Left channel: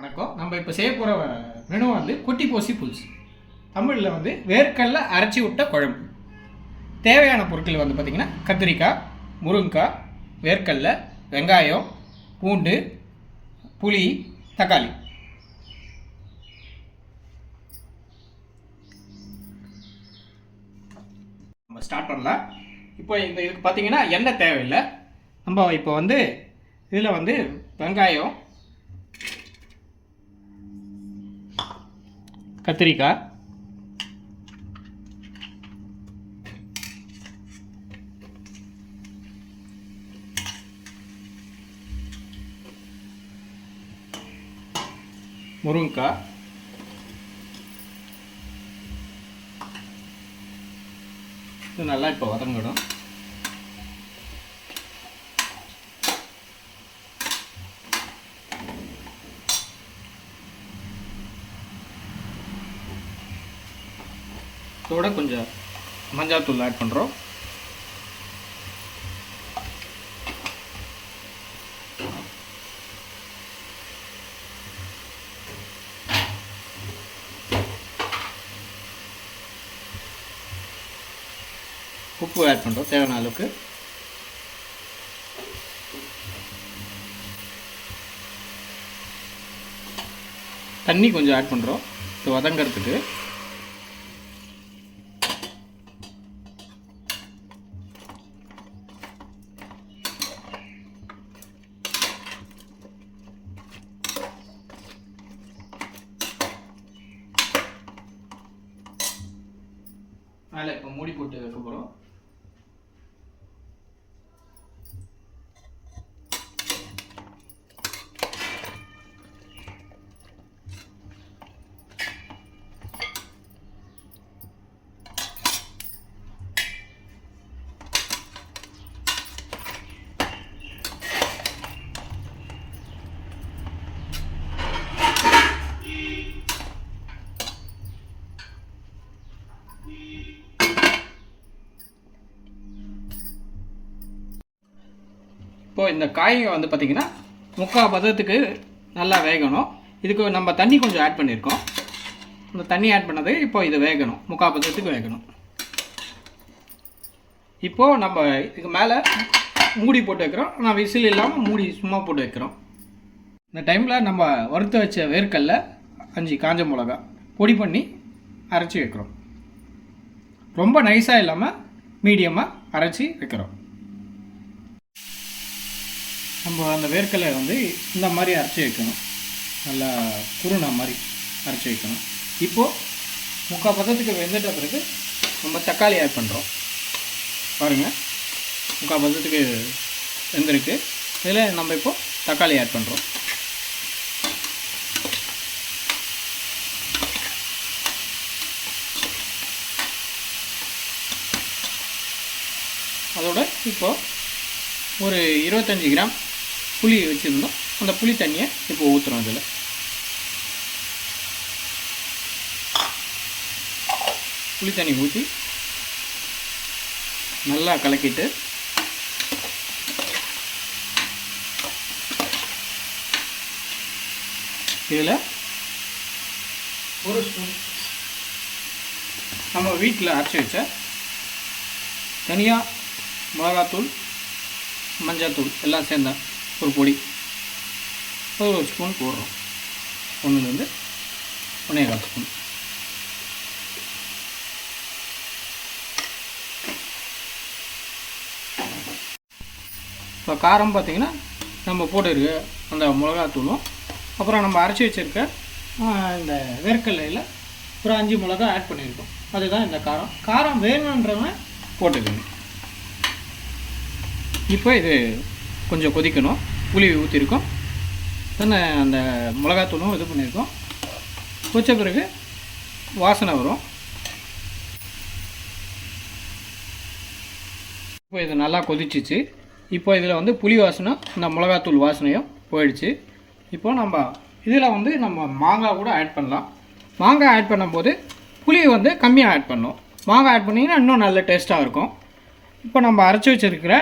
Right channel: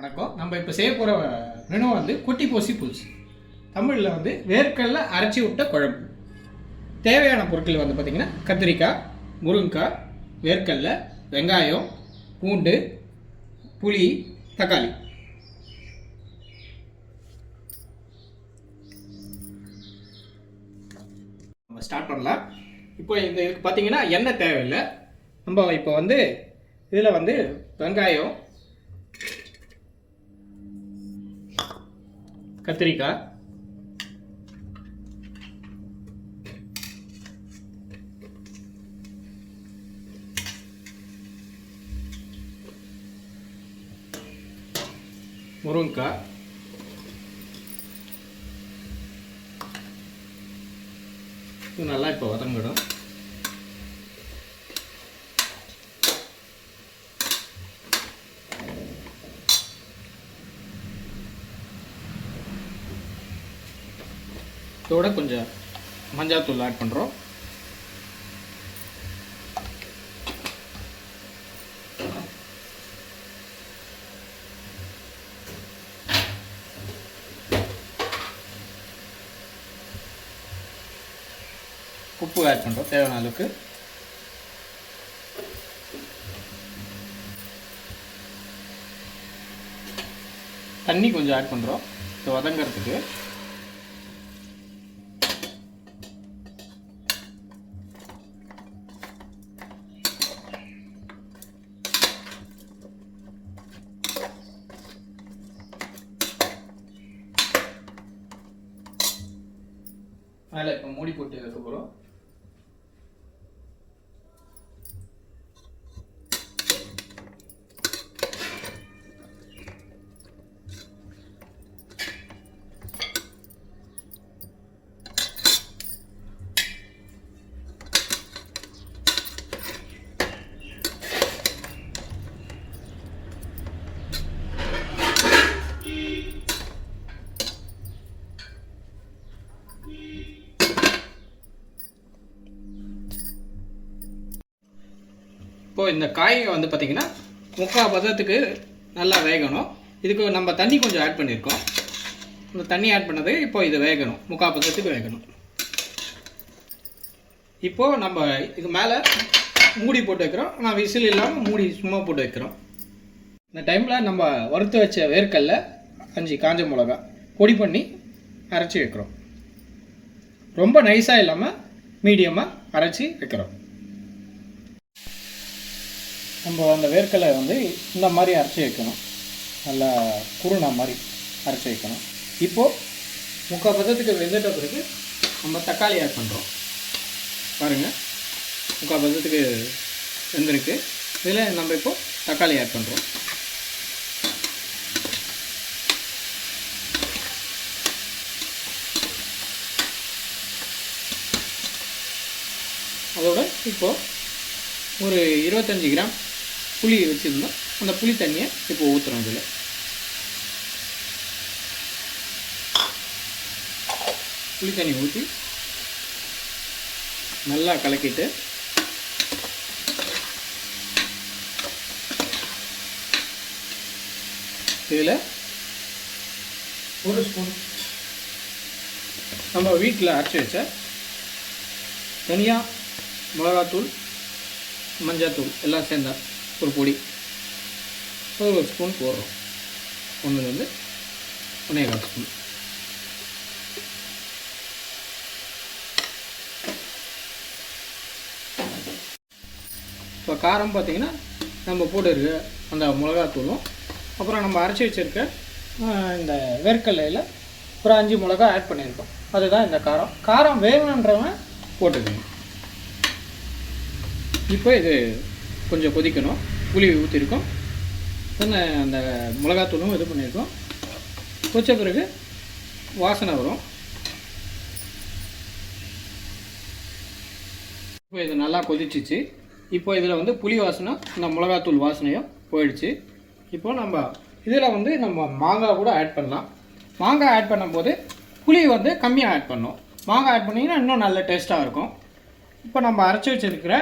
வணக்கம். நம்ம இப்போ செய்ய போகிற மெனு வந்து குட்டி போசி புல்ஸ். தமிழில் வந்து வேர்க்கடலை அரைச்சி விட்ட குழம்பு. தேவையான பொருட்கள் வந்து பார்த்திங்கன்னா கத்திரிக்காய், முருங்கைக்காய், வேர்க்கடலை, வெங்காயம், பூண்டு, புளி, தக்காளி. நம்ம ஸ்டார்ட் பண்ணலாம். இப்போ இதுக்கு பார்த்திங்கன்னா எண்ணெய் தேவையில்லை. நம்ம இப்போ வந்து இதில் வந்து வெங்காயம், கத்திரிக்காய், முருங்கைக்காய், இது நல்லா இப்போ வதங்கிடும். இதோட கொஞ்சம் மஞ்சாத்தூள் ஆட் பண்ணுறோம். உப்பு ஆட் பண்ணுறோம் தேவையான அளவுக்கு. தண்ணி கொஞ்சம் ஆட் பண்ணுறோம் இது வதங்கிறதுக்கு. மேலே இப்போ மூடி போட்டு வைக்க போகிறோம். இப்போது இந்த காய்ங்க வந்து பார்த்திங்கன்னா 3/4 பதத்துக்கு நல்லா வேகணும். இதுக்கு நம்ம தண்ணி கொஞ்சம் ஆட் பண்ணியிருக்கோம். இந்த தண்ணி ஆட் பண்ணது இப்போ இது வேகணும், 3/4 பதத்துக்கு வேகணும். இப்போது நம்ம இதுக்கு மேலே மூடி போட்டு வைக்கிறோம். நான் விசில் இல்லாமல் மூடி சும்மா போட்டு வைக்கிறோம். இந்த டைமில் நம்ம வறுத்து வச்ச வேர்க்கடலை 5 காஞ்ச மிளகா பொடி பண்ணி அரைச்சி வைக்கிறோம். ரொம்ப நைஸாக இல்லாமல் மீடியமாக அரைச்சி வைக்கிறோம். நம்ம அந்த வேர்க்கடலை வந்து இந்த மாதிரி அரைச்சி வைக்கணும். நல்லா குருணை மாதிரி அரைச்சி வைக்கணும். இப்போது 3/4 பதத்துக்கு வெந்துட்ட பிறகு நம்ம தக்காளி ஆட் பண்ணுறோம். பாருங்கள், 3/4 பதத்துக்கு வெந்திருக்கு. இதில் நம்ம இப்போது தக்காளி ஆட் பண்ணுறோம். அதோட இப்போது ஒரு 25 கிராம் புளி வச்சுருந்தோம். அந்த புளி தண்ணியை இப்போ ஊற்றுறோம். இதில் புளி தண்ணி ஊற்றி நல்லா கலக்கிட்டு இதில் ஒரு ஸ்பூன் நம்ம வீட்டில் அரைச்சி வச்ச தனியாக மிளகாத்தூள், மஞ்சத்தூள் எல்லாம் சேர்ந்த ஒரு பொடி ஒரு ஸ்பூன் போடுறோம். 1லேருந்து 1.25 ஸ்பூன். இப்போ காரம் பார்த்திங்கன்னா நம்ம போட்டுருக்கு அந்த மிளகாத்தூளும் அப்புறம் நம்ம அரைச்சி வச்சுருக்க இந்த வேர்க்கடலையில் ஒரு 5 மிளகா ஆட் பண்ணியிருக்கோம். அதுதான் இந்த காரம். காரம் வேணுன்றவங்க போட்டுக்கணும். இப்போ இது கொஞ்சம் கொதிக்கணும். புளி ஊற்றிருக்கோம், தானே அந்த மிளகாத்தூளும் இது பண்ணியிருக்கோம். கொதிச்ச பிறகு வாசனை வரும். இப்போ இது நல்லா கொதிச்சிச்சு. இப்போ இதில் வந்து புளி வாசனை, இந்த மிளகாத்தூள் வாசனையும் போயிடுச்சு. இப்போ நம்ம இதில் வந்து நம்ம மாங்காய் கூட ஆட் பண்ணலாம். மாங்காய் ஆட் பண்ணும்போது புளி வந்து கம்மியாக ஆட் பண்ணோம். மாங்காய் ஆட் பண்ணிங்கன்னா இன்னும் நல்ல டேஸ்ட்டாக இருக்கும். இப்போ நம்ம அரைச்சி வச்சுருக்கிற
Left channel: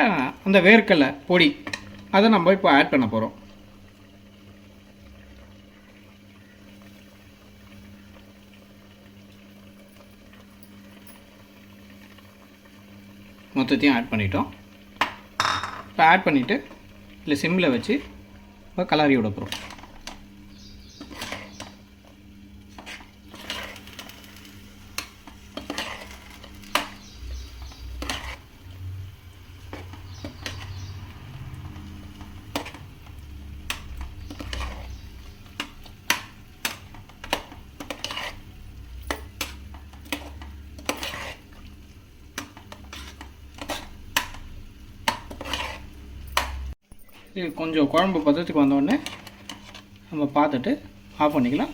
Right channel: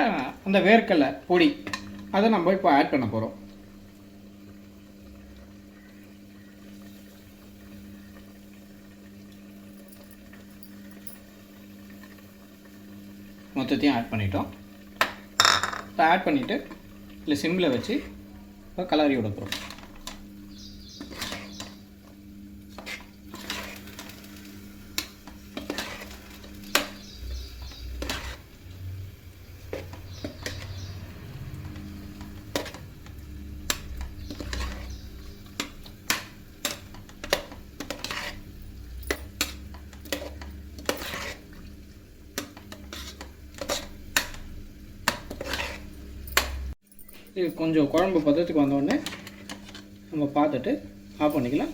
அந்த வேர்க்கடலை பொடி அதை நம்ம இப்போ ஆட் பண்ண போகிறோம். மொத்தத்தையும் ஆட் பண்ணிட்டோம். இப்போ ஆட் பண்ணிவிட்டு இல்லை சிம்மில் வச்சு இப்போ கலரி விட போகிறோம். இது கொஞ்சம் குழம்பு பதத்துக்கு வந்தோடனே நம்ம பார்த்துட்டு ஆஃப் பண்ணிக்கலாம்.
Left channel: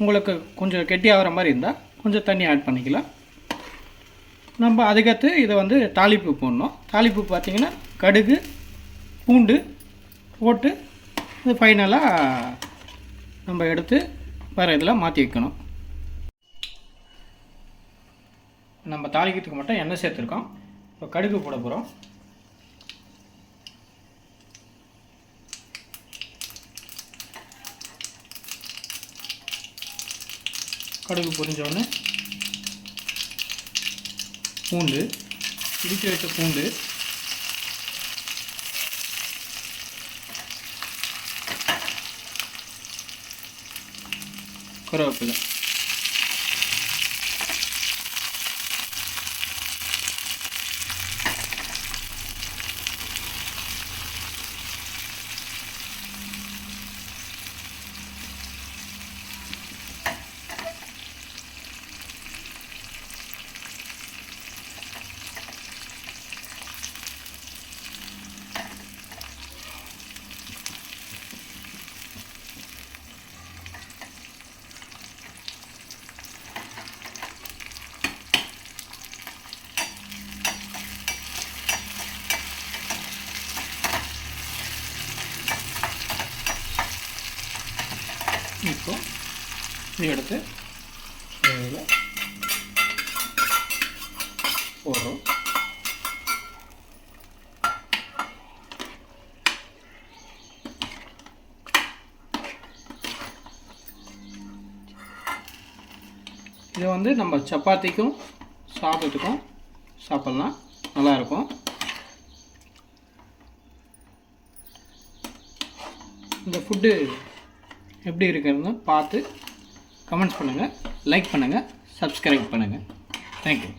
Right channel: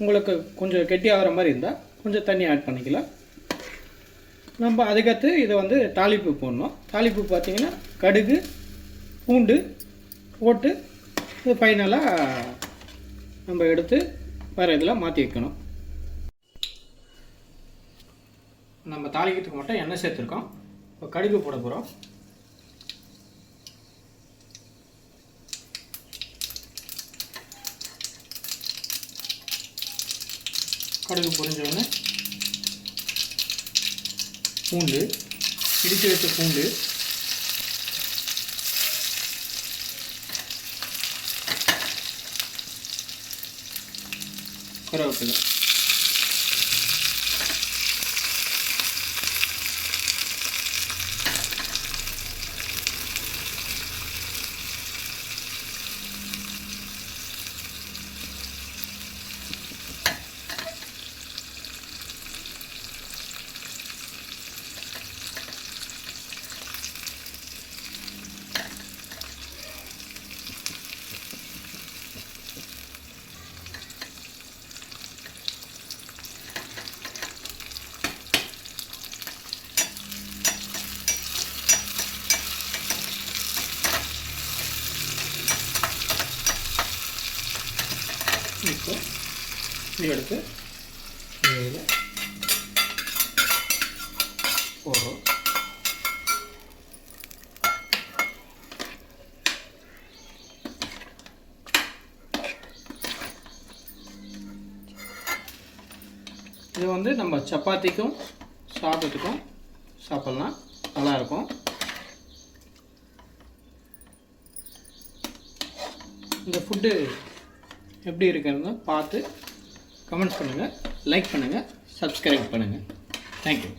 உங்களுக்கு கொஞ்சம் கெட்டியாகிற மாதிரி இருந்தால் கொஞ்சம் தண்ணி ஆட் பண்ணிக்கலாம். நம்ம அதுக்கடுத்து இதை வந்து தாளிப்பு போடணும். தாளிப்பு பார்த்திங்கன்னா கடுகு, பூண்டு போட்டு இது ஃபைனலாக நம்ம எடுத்து வேறு இதில் மாற்றி வைக்கணும். நம்ம தாளிக்கிறதுக்கு மட்டும் எண்ணெய் சேர்த்துருக்கோம். இப்போ கடுகு போட போகிறோம். கடுகு பொரிஞ்சோடனே பூண்டு, இடித்து வச்ச பூண்டு, கருவேப்பிலை, இப்போ எடுத்து போடுறோம். இது வந்து நம்ம சப்பாத்திக்கும் சாதத்துக்கும் சாப்பிட்லாம், நல்லாயிருக்கும். இந்த ஃபுட்டு எப்படி இருக்குதுன்னு பார்த்து கமெண்ட்ஸ் பண்ணுங்கள், லைக் பண்ணுங்கள், சப்ஸ்கிரைப் பண்ணுங்கள். தேங்க்யூ.